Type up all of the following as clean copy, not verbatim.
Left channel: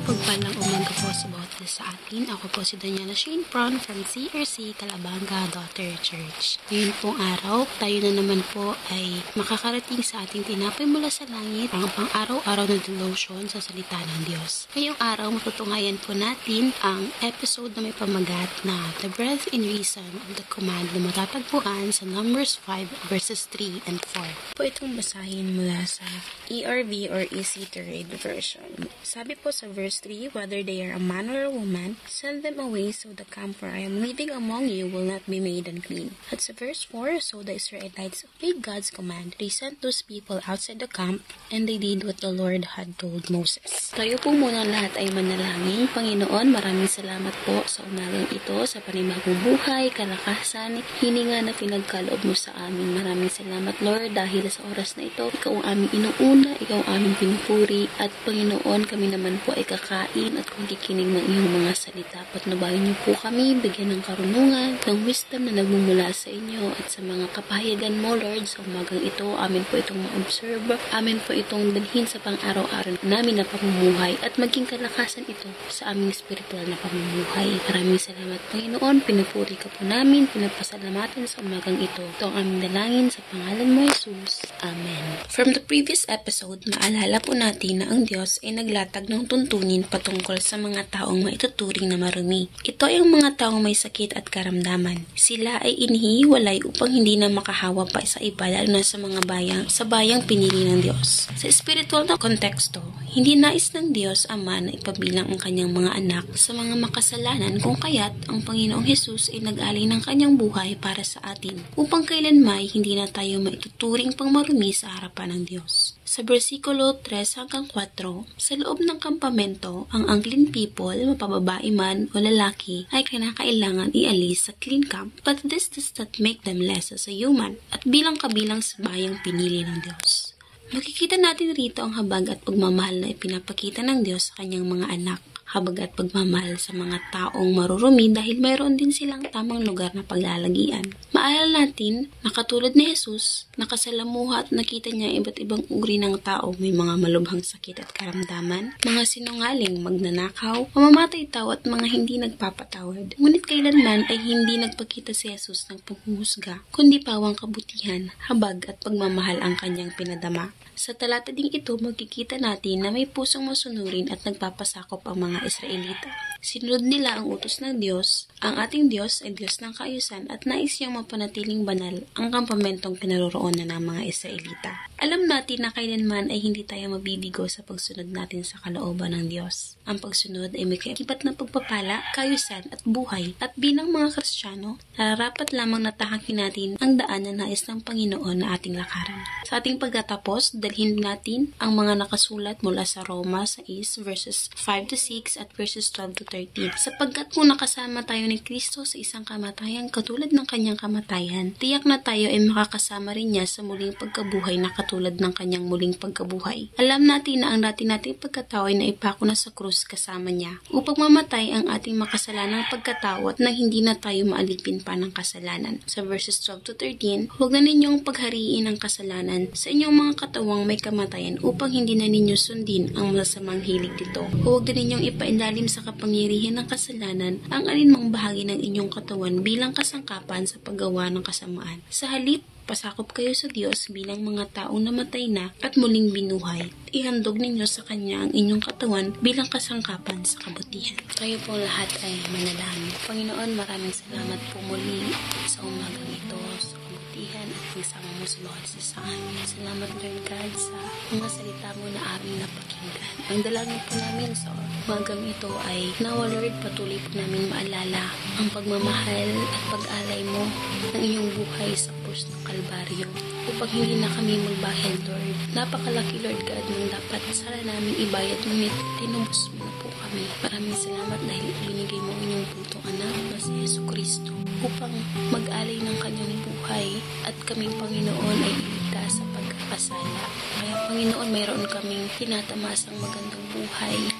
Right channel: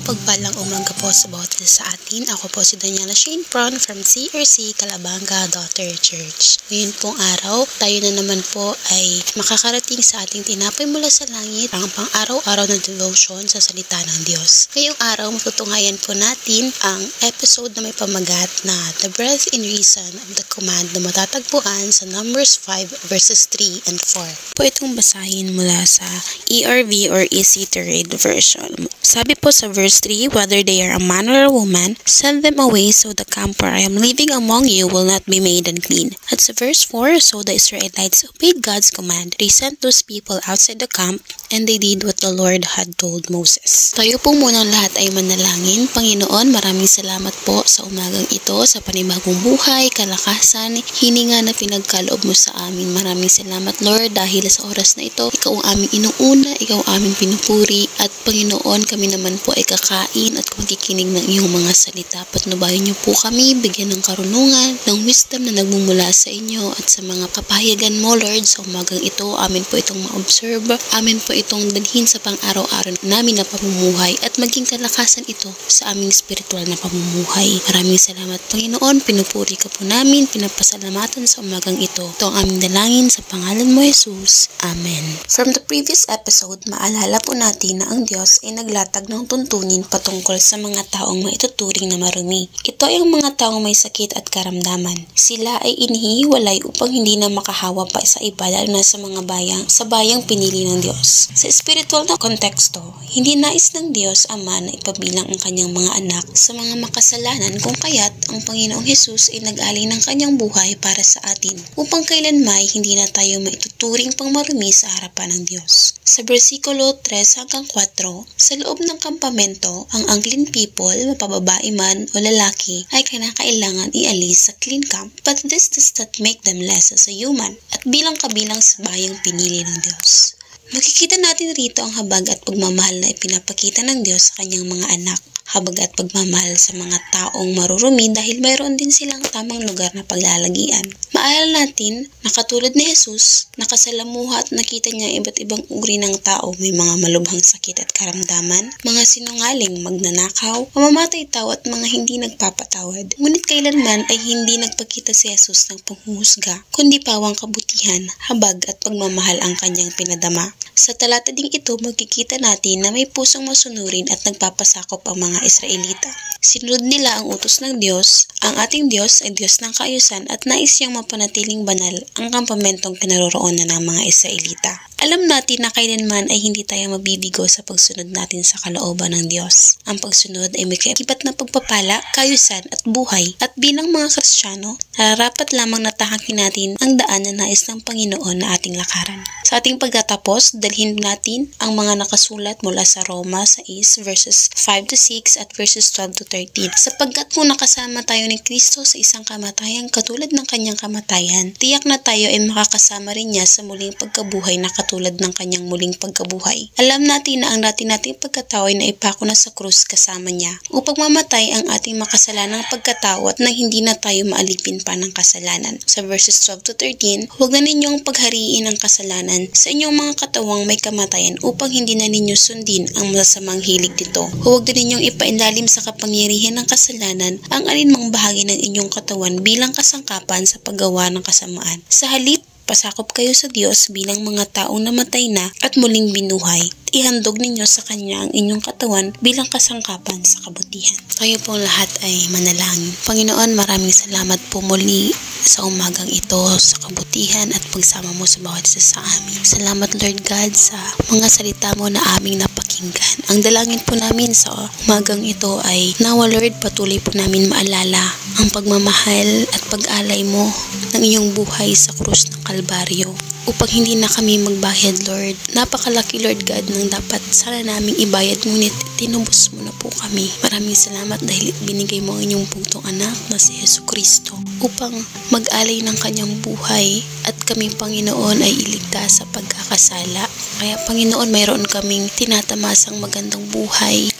Pagpalang umaga po sa bawat isa sa atin. Ako po si Daniela Shane Pron from CRC Calabanga Daughter Church. Ngayon pong araw, tayo na naman po ay makakarating sa ating tinapay mula sa langit, ang pang-araw-araw na devotion sa salita ng Diyos. Ngayong araw, matutungayan po natin ang episode na may pamagat na The Breadth and Reason of the Command na matatagpuan sa Numbers 5 verses 3 and 4. Po itong basahin mula sa ERV or Easy to Read version. Sabi po sa verse 3, whether they are a man or a woman, send them away so the camp where I am living among you will not be made unclean. At sa verse 4, so the Israelites obeyed God's command. They sent those people outside the camp and they did what the Lord had told Moses. Tayo po munang lahat ay manalangin. Panginoon, maraming salamat po sa umagang ito, sa panibagong buhay, kalakasan, hininga na pinagkaloob mo sa amin. Maraming salamat Lord dahil sa oras na ito, ikaw ang aming inuuna, ikaw ang aming pinupuri at Panginoon, kami naman po ay kakain at magkikinig ng iyong mga salita. Patnubayan niyo po kami, bigyan ng karunungan, ng wisdom na nagmumula sa inyo at sa mga kapahayagan mo, Lord, sa umagang ito. Amin po itong ma-observe, amin po itong dalhin sa pang-araw-araw namin na pamumuhay at maging kalakasan ito sa aming spiritual na pamumuhay. Maraming salamat, Panginoon. Pinupuri ka po namin, pinapasalamatan sa umagang ito. Ito ang aming dalangin sa pangalan mo, Jesus. Amen. From the previous episode, maalala po natin na ang Diyos ay naglatag ng tuntunin patungkol sa mga taong maituturing na marumi. Ito ay ang mga taong may sakit at karamdaman. Sila ay inihiwalay upang hindi na makahawa pa sa iba lalo na sa mga bayang pinili ng Diyos. Sa spiritual na konteksto, hindi nais ng Diyos Ama na ipabilang ang kanyang mga anak sa mga makasalanan kung kaya't ang Panginoong Hesus ay nag-alay ng kanyang buhay para sa atin upang kailanmay hindi na tayo maituturing pang marumi sa harapan ng Diyos. Sa versikulo 3 hanggang 4, sa loob ng kampamento, ang unclean people, mapababae man o lalaki, ay kinakailangan ialis sa clean camp, but this does not make them less as a human, at bilang kabilang sa bayang pinili ng Diyos. Makikita natin rito ang habag at pagmamahal na ipinapakita ng Diyos sa kanyang mga anak. Habag at pagmamahal sa mga taong marurumi dahil mayroon din silang tamang lugar na paglalagian. Maalala natin na katulad ni Jesus, nakasalamuha at nakita niya iba't ibang uri ng tao, may mga malubhang sakit at karamdaman, mga sinungaling, magnanakaw, mamamatay tao at mga hindi nagpapatawad. Ngunit kailanman ay hindi nagpakita si Jesus ng panghuhusga, kundi pawang kabutihan, habag at pagmamahal ang kanyang pinadama. Sa talata ding ito, magkikita natin na may pusong masunurin at nagpapasakop ang mga Israelita. Sinunod nila ang utos ng Diyos. Ang ating Diyos ay Diyos ng kaayusan at nais niyang mapanatiling banal ang kampamentong kinaroroonan ng mga Israelita. Alam natin na kailanman ay hindi tayo mabibigo sa pagsunod natin sa kalooban ng Diyos. Ang pagsunod ay may kaibat na pagpapala, kaayusan at buhay. At bilang mga Kristiyano, nararapat lamang na tahakin natin ang daan na nais ng Panginoon na ating lakaran. Sa ating pagtatapos, dalhin natin ang mga nakasulat mula sa Roma 6 verses 5 to 6 at verses 12 to 13. Sapagkat kung nakasama tayo ni Kristo sa isang kamatayan katulad ng kanyang kamatayan, tiyak na tayo ay makakasama rin niya sa muling pagkabuhay na katulad ng kanyang muling pagkabuhay. Alam natin na ang nating pagkatao ay naipako na sa krus kasama niya upang mamatay ang ating makasalanang pagkatao at na hindi na tayo maalipin pa ng kasalanan. Sa verses 12 to 13, huwag na ninyong paghariin ang kasalanan sa inyong mga katawang may kamatayan upang hindi na ninyo sundin ang masasamang hilig nito. Huwag din ninyong ipainlalim sa kapangyarihan ng kasalanan ang alinmang bahagi ng inyong katawan bilang kasangkapan sa paggawa ng kasamaan. Sa halip, pasakop kayo sa Diyos bilang mga taong namatay na at muling binuhay. Ihandog ninyo sa Kanya ang inyong katawan bilang kasangkapan sa kabutihan. Tayo pong lahat ay manalangin. Panginoon, maraming salamat po muli sa umagang ito, sa kabutihan at pagsama mo sa bawat isa sa amin. Salamat Lord God sa mga salita mo na aming napakinggan. Ang dalangin po namin sa umagang ito ay nawa Lord, patuloy po namin maalala ang pagmamahal at pag-alay mo ng iyong buhay sa krus ng Kalbaryo upang hindi na kami magbayad, Lord. Napakalaki, Lord God, ng dapat sana naming ibayad, ngunit tinubos mo na po kami. Maraming salamat dahil binigay mo ang inyong putong anak na si Jesucristo upang mag-alay ng kanyang buhay at kami, Panginoon, ay iligtas sa pagkakasala. Kaya Panginoon, mayroon kaming tinatamasang magandang buhay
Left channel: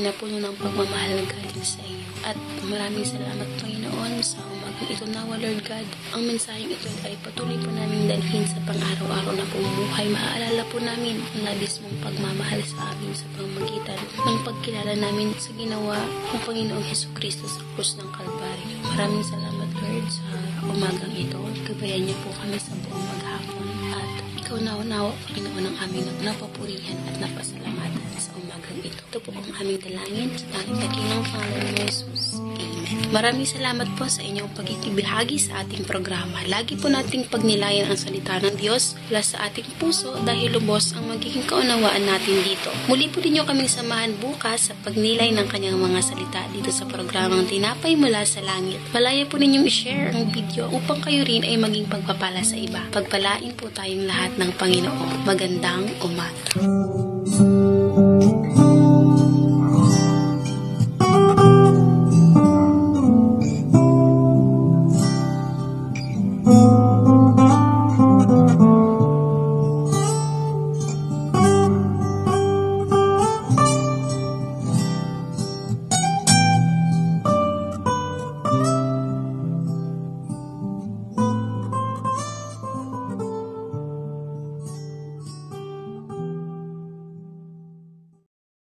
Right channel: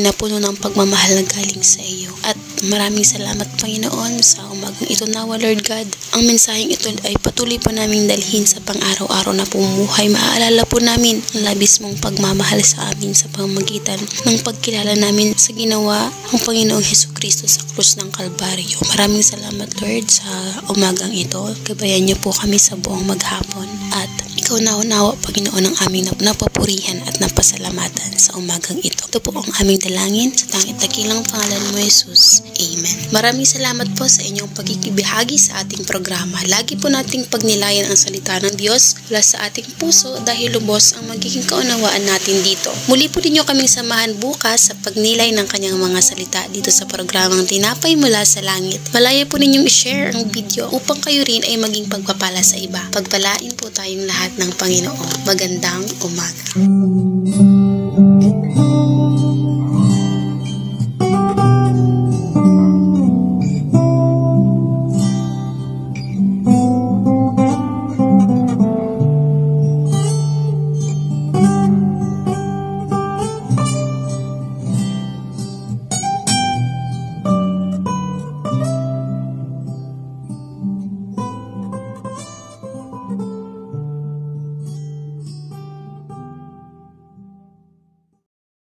na puno ng pagmamahal na galing sa iyo. At maraming salamat Panginoon sa umagang ito nawa Lord God. Ang mensaheng ito ay patuloy po naming dalhin sa pang-araw-araw na pumuhay. Maaalala po namin ang labis mong pagmamahal sa amin sa pamamagitan ng pagkilala namin sa ginawa ng Panginoong Hesukristo sa krus ng Kalbaryo. Maraming salamat Lord sa umagang ito. Gabayan niyo po kami sa buong maghapon at ikaw nawa Panginoon ang aming napapurihan at napasalamatan sa umagang ito. Ito po ang aming dalangin sa tanging dakilang pangalan mo Jesus. Amen. Maraming salamat po sa inyong pagkikibahagi sa ating programa. Lagi po nating pagnilayan ang salita ng Diyos mula sa ating puso dahil lubos ang magiging kaunawaan natin dito. Muli po ninyo kaming samahan bukas sa pagnilay ng kanyang mga salita dito sa programang Tinapay Mula sa Langit. Malaya po ninyong i-share ang video upang kayo rin ay maging pagpapala sa iba. Pagpalain po tayong lahat ng Panginoon. Magandang umaga.